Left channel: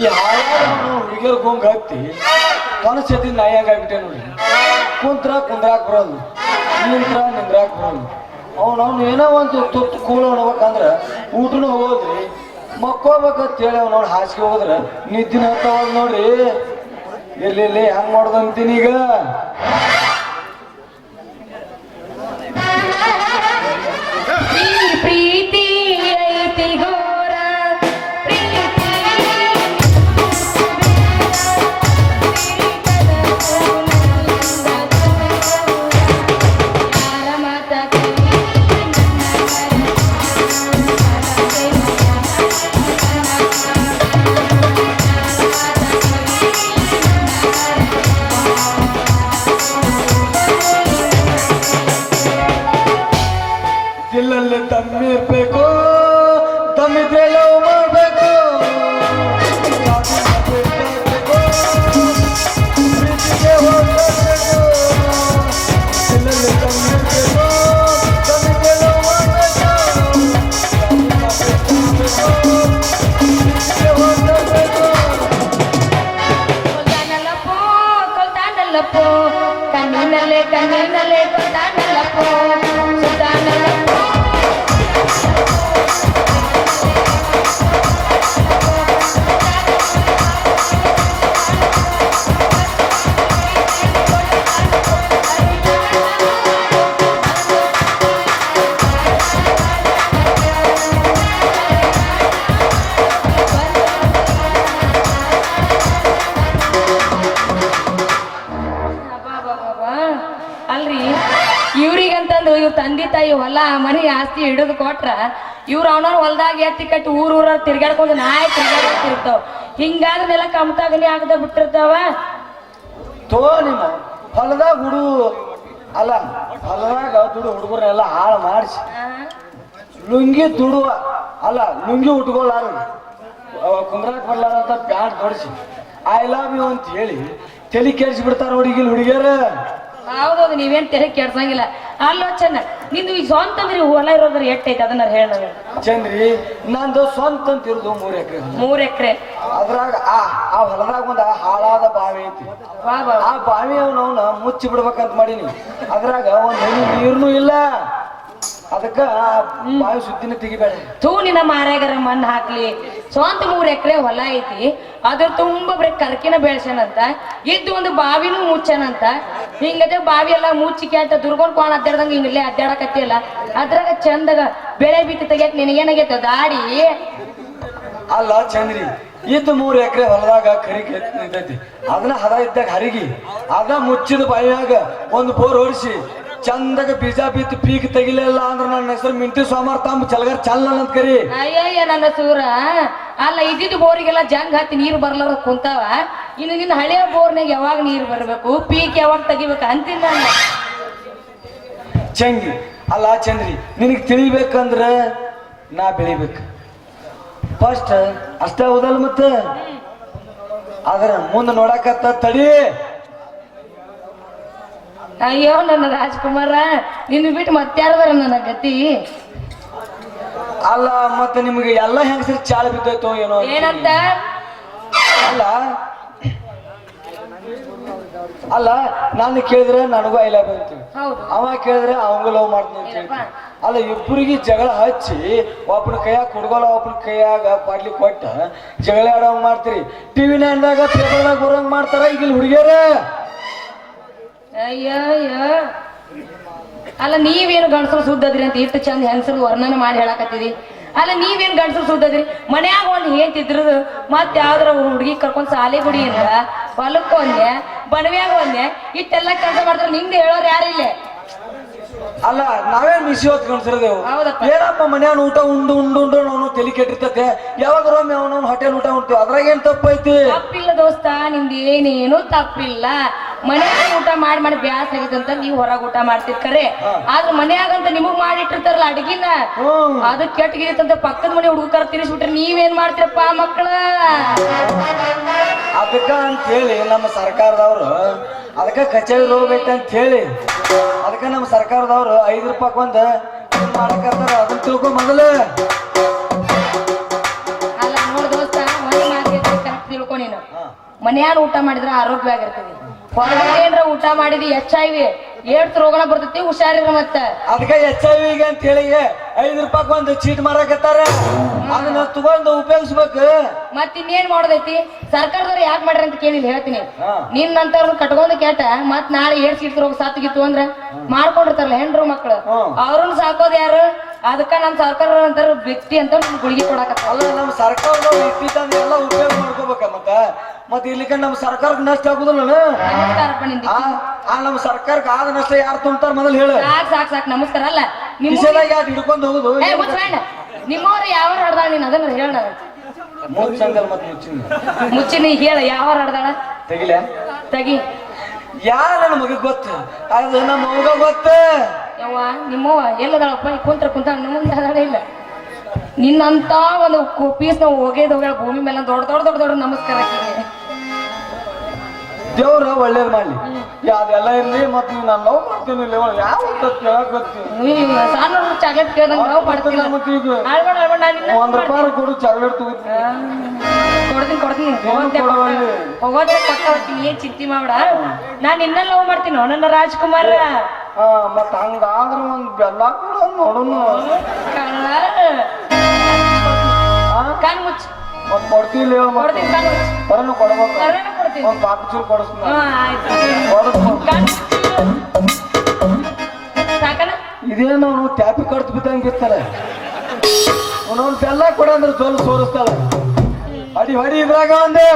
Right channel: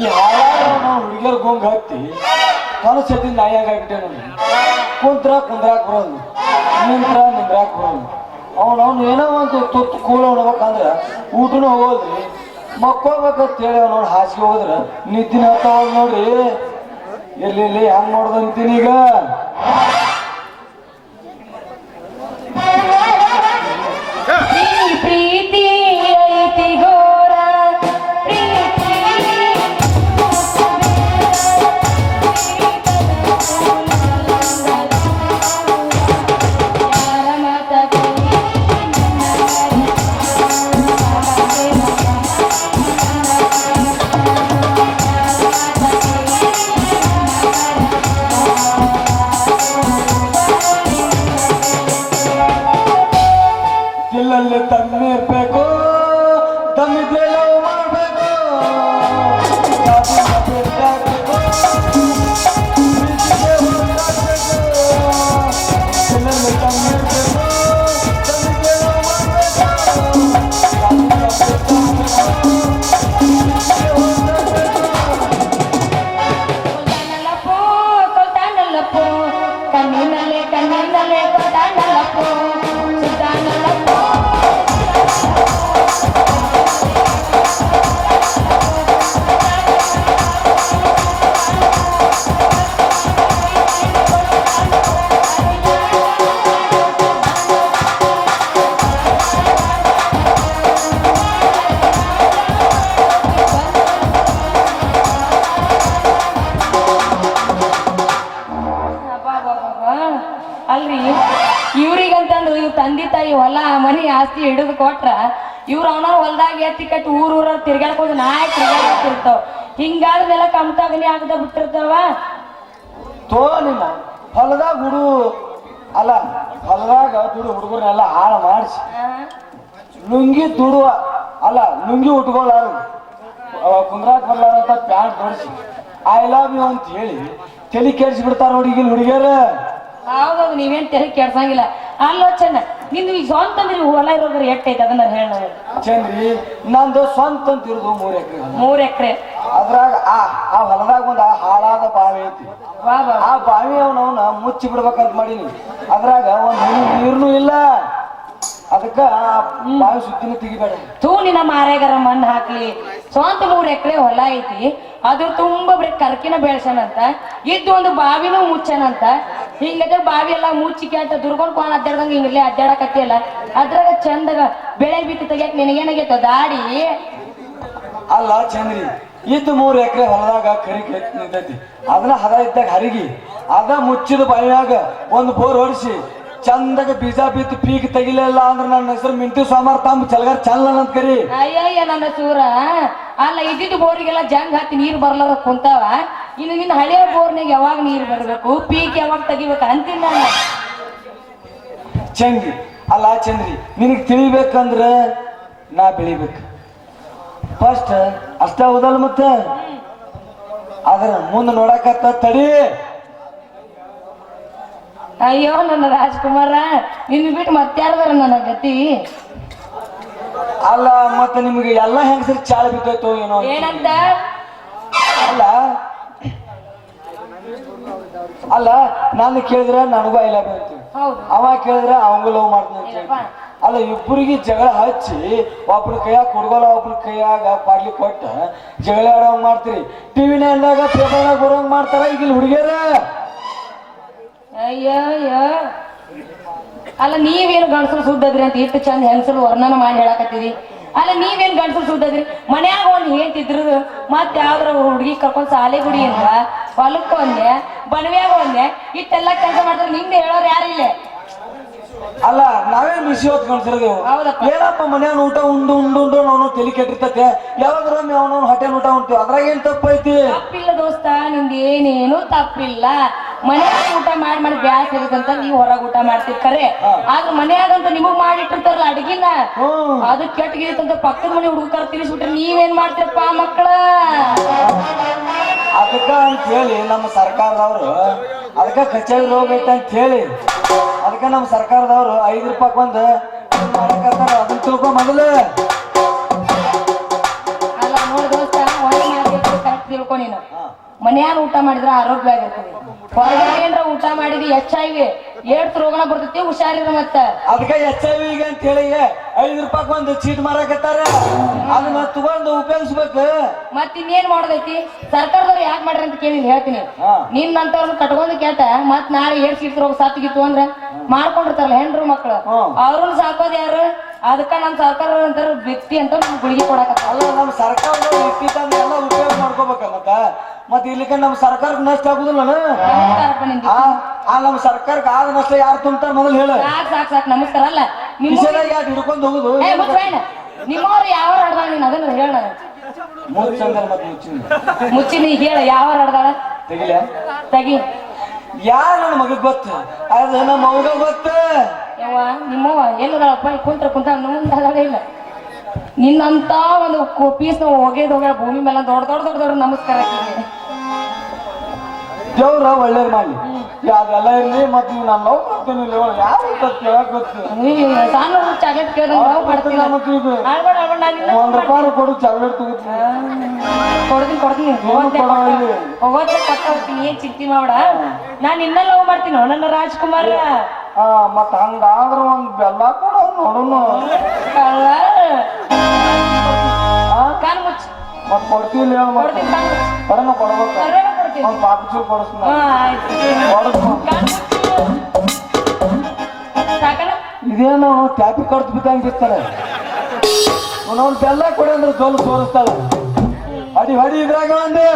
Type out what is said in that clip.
ಈ ಹಾಳಾದ ಹುಡುಗಿಯರ್ ಗೊಂಗ್ ಹತ್ತಿ ಮನಸ್ಸತಿ ನಾಯಿ ನೋಡಿ. ಕುಂತ್ರ ಕುಂದ್ರಾಕ್ ಬರೋದು. ನಿಂತ್ರ ನಿಂದ್ರಾಕ್ ಬರೋದು. ಅವ್ನು ಏನೋ ಒಂದು ತುತ್ತು ಕೂಲ ಉಣ್ಬೇಕಂದ್ರ ಊಟನೂ ಹೋದ್ರಿ, ಮಕ್ಕೋಬೇಕಂತ ಹೇಳಿ ಅವ್ನವ್ನು ಹಾಸಿಗೆ ಹೋದ್ರೆ, ನಿದ್ದಿನ ಹತ್ತವಾಗ ನೋಡ್ರಿ ಇರ್ಲಿ ಹೆಂಗ್ ಮಾಡೋದು ಈಗ? ಅಲ್ರಿ? ಇವ್ರಿಗಂತಂದು ಇವ್ರ ತಂದೆ ತಾಯಿ ಹೊಲ, ಮನೆ ಆಸ್ತಿ ಹಿಡಿದು ಕೊಟ್ರ ಇವ್ರು ಅವನವ್ರ ಹೊಲ್ದಾಗ ಎತ್ತಿ ಕಟ್ಟಿ ಊರ್ ಊರ ತಿರ್ಗಾಡ್ಕೊಂಡು ನಾಯಿ ತಿರ್ಗಾಡ್ತಿರ್ತಾವ. ಹಿಂಗಾದ್ಮೇಲೆ ಕಮ್ತಾಗಲಿ ಆಗದ ಬಿಟ್ಟಿರ್ತಾವ? ತೋ ನಿಮ್ಮ ಹೊಲದಾಗ ಹುಡು, ಅಲ್ಲ, ಹೊಲದಾಗ ದುಡು ಹುಡುಗರನ್ನೆಲ್ಲ ಹಾಳು ಮಾಡಿಸಿ. ಲುಂಗಿ ದುಡುವ, ಅಲ್ಲ, ಲುಂಗಿ ಉಟ್ಕೊಳ್ಳಾರ ಕುಂದ್ರಾಕ್ ಬರ್ಲಾರಂತ ಪ್ಯಾಂಟ್ ಹೊಡಿಸಿ. ಐ ಲವ್ ಯು ಅಂತ ಹೇಳಿ ತಲೆ ಕೆಡಿಸಿ ಬಿಡ್ತಾರ ಹುಡುಗಿಲ್, ಹುಡುಗಿಯರ. ಹೌದೌದು ನೀವೇನ್ ತೆರೆ ಕೆಡ್ಸಂಗಿಲ್ಲ. ಅಲ್ಲೋ ಚೆನ್ನ ನಿಂದು ಈ ಸ್ವಂತ ಅಂದ್ರೆ ಹೊಲ ಇರೋದ್ರ ಎಟ್ಟೈತೆ ಅದನ್ನ ಹೇಳ ಚಂದ್ರಿ ನಂದು ಸ್ವಂತ ಅಂತ ಇರೋದು ಮೂರ್ ಎಕರೆ ಮೂರ್ ಎಕರೆ. ಅದ್ರಾಗ ಆ ಆ ಹೊಲದಾಗ ಒಂದು ಹಾಳಾದ ಬಾವಿ ಐತಿ. ಆ ಬಾವಿ ಅವನವನ್ನ ಮುಚ್ಚಿ ಬಿಡ್ಬೇಕಂತ ಮಾಡೀನಿ. ಅದ್ರಾಗ ಒಂದ್ ಹನಿ ನೀರ್ನು ಇಲ್ಲ. ಅದಕ್ಕ ಬಾವಿ ಸುದ್ದಿನ ತೆಗಿಬೇಡ. ತೂ ನಿನ್ನ ಮಾರ್ಯಾಗರ ಮಣ್ಣು ಹಾಕ್ಲಿ. ಸ್ವಂತ ಮೂರ್ ಎಕರೆ ಹೊಲ ಐತಿ. ಅದು ತುಂಬಾ ಬರೀ ಕರ್ಕಿನ ಬೆಳ್ಸನಂತ ಇದ್ದು ಒಂದು ಬಾವಿನೂ ಮುಚ್ಚನಂತ. ಹಿಂಗದ ಬಾವಿ ಎಲ್ಲ ಮುಚ್ಚಿ ಕ್ಯಾಟ ದುರ್ಗೊಂಡ್ ಕೋಣ ಅಡ್ಡಾಡ್ದಂಗ ಹಿಂಗಲ್ಲೇ ಅಡ್ಡಾಡಕತ್ತಿಲ್ಲ ಅದ್ರಾಗ ಚಂದಗ ಬೆಳೆ ಬಿಟ್ಟು ತೆಗಿಯಕ್ ನಿನಗೇನಾಗೈತ ದಾಡಿ? ಅಲ್ಲ ಚಂದ್ರಿ ಇದ್ದು ಮೂರ್ ಎಕರೆ ಹೊಲದಾಗ ಕರಿ ನಿಂತೈತಿ ಅದನ್ನ ಹದ ಇದ್ದಾಗ ಹರಿಗಿ ಅದ ಮುಚ್ಚಿದ ಬಾವಿಯಾಗ ಒಂದು ಬೋರ್ ಹೊಡಿಸಿ ಚಂದಾಗ ಬೀಜ ಬಿತ್ತು ಪೀಕ್ ತೆಗಿಲಿಲ್ಲ ಅಂದ್ರೆ ನನ್ನ ಹೆಸರು ಮಿಂಟಿ ಸೋಮಾರ್ ತಾಂಬ ಚಲಗಾರ ಚಲ್ಲ ಅಂತ ಕರಿ. ಅಯ್ಯಯ್ಯ ನನ್ನ ಸೂರ. ಅಲ್ಲ ಇದ್ದಿದ್ದು ಬೋರಿಗೆಲ್ಲ ಜಂಗ್ ಹತ್ತಿ ನೀರು ಬರ್ಲಾರ ಕುಂತಾವ. ಇನ್ನು ನಿನ್ನ ಹಳೆಯ ಬೋರ್ನಾಗ ಯಾವಾಗ ನೀರು ಬರಬೇಕು? ಪೀಕ್ ಯಾವಾಗ ತೆಗಿಬೇಕು ಅಂತೀನಿ ನಾನು. ಚಂಗಿ ಅಲ್ಲ ಚಂದ್ರಿ ನಿನಗೆ ತಿಳಿಬೇಕಂದ್ರ ನಾ ಬೆಳಿಬೇಕು. ಫಸ್ಟ್ ಅಷ್ಟೇ ಹೌದಲ್ಲ ಮತ್ತೆ? ಅದ್ರ ಮುಂದೆ ನೋಡಕತ್ತ ತಡಿ. ಅಯ್ಯೋ ನನ್ನ ರಾಜ್ಕುಮಾರ ನಿನ್ನ ಬಿಟ್ಟು ಮತ್ತಾರ್ದಾರ ನನ್ನ ಗತಿ? ಅಲ್ಲ ಮತ್ತೆ ನಿಮ್ಗೆ ಎಲ್ಲ ಹೆಂಗಸರು ಚಾಲ ಬಿದ್ದೋಯ್ತು ಏನೋ ಏನಂತ? ಅಲ್ಲ ಅಲ್ಲ ನಾನು ಕೇಳಿದ್ರೆ ನನಗೂ ಐ ಲವ್ ಅವ ಕೇಳಿದ್ರೆ ಅವಂಗ ಲವ್ ಮಾಡ್ತೀನಿ ಅಂತ ಅಲ್ಲ ಇಬ್ಬರಿಗೆ ಜಗಳ ಹಚ್ಚಿ ಒಬ್ರ ಕೈಯಾಗ ಕುಡ್ಗೋಲ ಒಬ್ರ ಕೈಯಾಗ ಬಾಡ್ಲಿ ಕೊಟ್ಟ ಜಗಳ ಆಡೋಂಗ್ ಮಾಡ್ತೀರಿ. ಟಿವಿನ ಅಂದಾಗ ಪೇಪರ್ದಾಗ ಬರೋಂಗ್ ಮಾಡ್ತಾರ ಈಗ ಹುಡುಗಿಯರೇ. ಅಯ್ಯೋ ಅಯ್ಯೋ. ಅಲ್ಲ ನೀವೇನು ಗಂಡಸರು ಸುದ್ದದ್ರಿ ಅಂತ ಇಷ್ಟು ಚಂದ ಹೆಂಗಸರು ವರ್ಣನ ಮಾಡಿ ಹೇಳಕತ್ತೀರಿ? ಅಲ್ಲ ನೀವೇನ್ ಗಂಡಸರು ಸುದ್ದದ್ರಿ? ಮನ್ಯಾಗ ಒಂದ್ ಹೇಳ್ತಿದ್ರು ಮತ್ ಯಾವ್ದ್ರ ಹುಡುಗಿ ಕರ್ಕೊಂಡ್ ಸಾಲೆ ಗುಡಿಯಿಂದ ಹೊಲಕ್ಕೆ ಒಂದೆ ಬಣವ್ಯಾಗ ಒಂದೆ ಇಷ್ಟೆಲ್ಲ ಕೆಲಸ ಮಾಡಿದ್ರು ನಿಂದ ಹೇಳೋರು ಯಾರಿಲ್ಲ ಅಲ್ಲ ನಾವೇ ಮಿಸಿ ಹೊತ್ ಕಳ್ಸಿರೋದೇವು ಹೌದಪ್ಪ. ಏನಪ್ಪ ಮನ್ಯಾನ ಊಟ ಉಂಡು ಉಂಡು ಉಂಡು ನಾವು ತಲೆ ಕೆಟ್ಟಿರ್ತತೆ. ಯಾವಾಗ ಒಮ್ಮೆ ಅವನವ್ನ ಹೊಟ್ಟೆ ಊಟ ಉಂಟು. ಅದ್ರಾಗ ಏನ್ ತಪ್ಪೈತಿ? ತಪ್ಪಿಲ್ಲ ದೋಸ್ತ ನಿಂದ ಏನೇನು ತಪ್ಪಿಲ್ಲ. ಮನ್ಯಾಗ ಊಟ ಮಾಡಿ ಮಾಡಿ ಬ್ಯಾಸ್ ಆಗತ್ತಂತ ನೀವು ಹೊರಗ್ ಊಟ ಮಾಡ್ತಿರ್ ಕರೆ. ಆದ್ರ ಮನ್ಯಾಗಂತ ನಿಮಗ್ ಮಾಡಿಟ್ಟಿರ್ತಾರಲ್ಲ ಅಡ್ಗಿನ? ಅದು ಕೆಟ್ಟಗಿರುತ್ತಂತ ಪಕ್ಕದ ಮನೆ ಹುಡುಗರ ತಿರ್ಸ್ಬಿಟ್ರೆ ನೀವೇನ್ ಮಾಡ್ತೀರಪ್ಪ ಮಕ್ಕಳ ಅದಕ್ಕ ಅಂತ ಹೇಳಿ ನಮ್ಮ ಸರ್ಕಾರದವ್ರು ಅದಕ್ಕ ಕಚೇರಿ ರೋಗ ಐತೆ ಅಂತ ಹೇಳಿ ಅದಕ್ಕ ನಮ್ಮ ಸರ್ಕಾರದವ್ರು ಐದು ರೂಪಾಯಿ ಒಂದು ಮಾಡಕತ್ತಾರ. ಅದನ್ನ ತಿಳ್ಕೊ ಮೊದಲು. ಅಲ್ಲ ನೋಡ್ ದೋಸ್ತ ಮನ್ಯಾಗ ಊಟ ಮಾಡಿದ್ರೆ ಆರೋಗ್ಯವಾಗಿರ್ತೀವಿ. ಹೊರಗಡೆ ಏನ್ರ ಊಟ ಮಾಡಿದ್ವಿ ಎಚ್ ಐ ವಿ ಏಡ್ಸ್ ರೋಗನ ಬರ್ತೈತಿ ಹುಷಾರಿರ ಮತ್ತ. ಅದಕ್ಕೆ ಎಚ್ ಐ ವಿಗೆ ಅಂತ ಹೇಳಿ ಐದು ರೂಪಾಯಿ ಒಂದು ಚೀಟ್ ಮಾರಾಕತ್ತಾರ. ಅದನ್ನ ತಗೊಂಡು ಉಪಯೋಗಿಸ್ಬೇಕು. ಮತ್ತ ಇನ್ನೇನ್ ಮಾಡೋದೈತಿ? ಸರ್ಕಾರದವ್ರು ಯಾಕೆ ಮಾಡ್ರಿ ಅಂತ ಕೇಳಿ ಹೇಳ್ತೀನಿ. ನಿನ್ ನಂತರ ಕಟ್ಕೊಂಡು ಕೇಟ ಮತ್ ನಾಳೆ ಏಡ್ಸ್ ಸೀಟ್ ರೋಗ ಸಾತ್ಗಿತ್ತು ಅಂದ್ರ ಮಾಡ್ಕೊಂಡಿರ್ತಾರಲ್ಲ ಹೆಣ್ರು ಮಕ್ಳು. ಅವ್ರನ್ನ ಸಾಕೋದ್ ಯಾರು? ಅದಕ್ಕ ನಮ್ ಸರ್ಕಾರ ಅಂತಾರ ವ್ಯಕ್ತಿ ಅಂತ ಗುಳಿಗೆ ಕೊಡಕತ್ತ ಅಲ್ಲ ನಮ್ಮ ಸರ್ಕಾರದವ್ರು ವ್ಯಕ್ತಿ ಎಲ್ಲ ಉಪಯೋಗ ಮತ್ತೆ ಮತ್ತ ಮತ್ ಇಲ್ಲಿಕ ನಮ್ಮ ಸರ್ಕಾರಕ್ಕೆ ನಷ್ಟ ಆಗುದಿಲ್ಲ ನಮ್ ಆ ನಮ್ಮ ಸರ್ಕಾರಕ್ಕೆ ಆದ ನಷ್ಟ ಯಾರು ತುಂಬ್ತಾರ ಮೊದಲು ಹೇಳು. ಸಾಕ್ ಸಾಕ್ ಸಾಕ್ ನಮಸ್ಕಾರ ಅಲ್ಲ. ನಿಮ್ಮ ಕಿಶೆದಾಗ ಯಾರು ಹಿಡ್ಕೊಂಡು ಹೋಗುದು? ನಿಮ್ಮವ್ರು ಯಾವ ಹಡ್ದಾಳ ನೀನ್? ಅದನ್ನ ಹೇಳ ಮುಚ್ಚಂಗಲ್ ಮತ್ ಮುಚ್ಚಿನ. ಮುಚ್ಚಿ ನೀ ಹೇಳ. ಯಾವ ಹಡ್ದಾಳ? ತೆಗಿಲ? ತಗಿ. ಯಾರ ನನ್ನ ಮಗ ಗೊತ್ತು? ಅದು ನಮ್ಮ ಮಗ ಗೊತ್ತ. ಯವ್ವ ನಿಮ್ಮವ್ವ ಎಲ್ಲದಾಳಪ್ಪ? ಕುಂತ್ರ ಕುಂತ ನಮ್ಮ ಇಲ್ಲ. ನಿನ್ನಂತ ಒಂದು ಪೀಸ್ ನಾವು ಹೋಗೇದ್ ಹೋಗ್ಯಾಳ ಭೂಮಿ ಮೇಲೆ ದೊಡ್ಡ ದೊಡ್ಡ ದೊಡ್ಡ ದೊಡ್ಡ ನಮಸ್ಕಾರ. ದೇವ್ರ ಒಳ್ಳೇದ್ ಮಾಡಿ ಅದೆಲ್ಲ ಇರ್ಲಿ ಮತ್ ನೀವು ನಾನು ಲವ್ ಮಾಡ್ತೀನಿ ಯಾವ ಸಣ್ಣ ಚಾಕ್ಲೇಟ್ ಕೇಳ್ದಂಗ ಮತ್ತೆ ಈಗ ಒಂದ್ ರೂಪಾಯಿ ಕೊಡು ಚಾಕ್ಲೇಟ್ ತಗೋತೀನಿ. ಕೊಡ್ತೀನಿ ಕೊಡ್ತೀನಿ. ಹೋಗೋದೇ ಕೊಟ್ಟ ಹೋಗ್ತೀನಿ. ಏನ್ ಚಿಂತೆ ಮಾಡ್ಬೇಡ ನಾನು ನಿನ್ನ ಲವ್ ಮಾಡ್ತೀನಿ ನನ್ನ ರಾಜ್ಕುಮಾರ್. ಮತ್ ಹಂಗಾದ್ರ ಒಂದ್ ಬೆಲ್ಲ ಕೊಡೋದು ನೋಡುನು. ಕೊಡ್ತೀವಿ ಕೊಡ್ತೀನಿ ಮುಚ್ಚ ಬರೋಣ ಕೊಡ್ಬೇಕು. ಕೊಡ್ತೀನಿ. ಒಂದ್. ಸಾಕಣ ಇದೇನು ಟ್ಯಾಪಿ ಕಡ್ದು ಬಿದ್ದಂಗೆ ಇರ್ತಾಳೆ. ಅವನವ್ನು ಬೆಲ್ಲ ಕೊಡ ಅಂದ್ರೆ ಜೋಲು ಸೋರಿಸ್ತಾಳ. ಅಡಿ ಹೊಡಿ ಇದ್ರಾಗ ಒಂದೇ.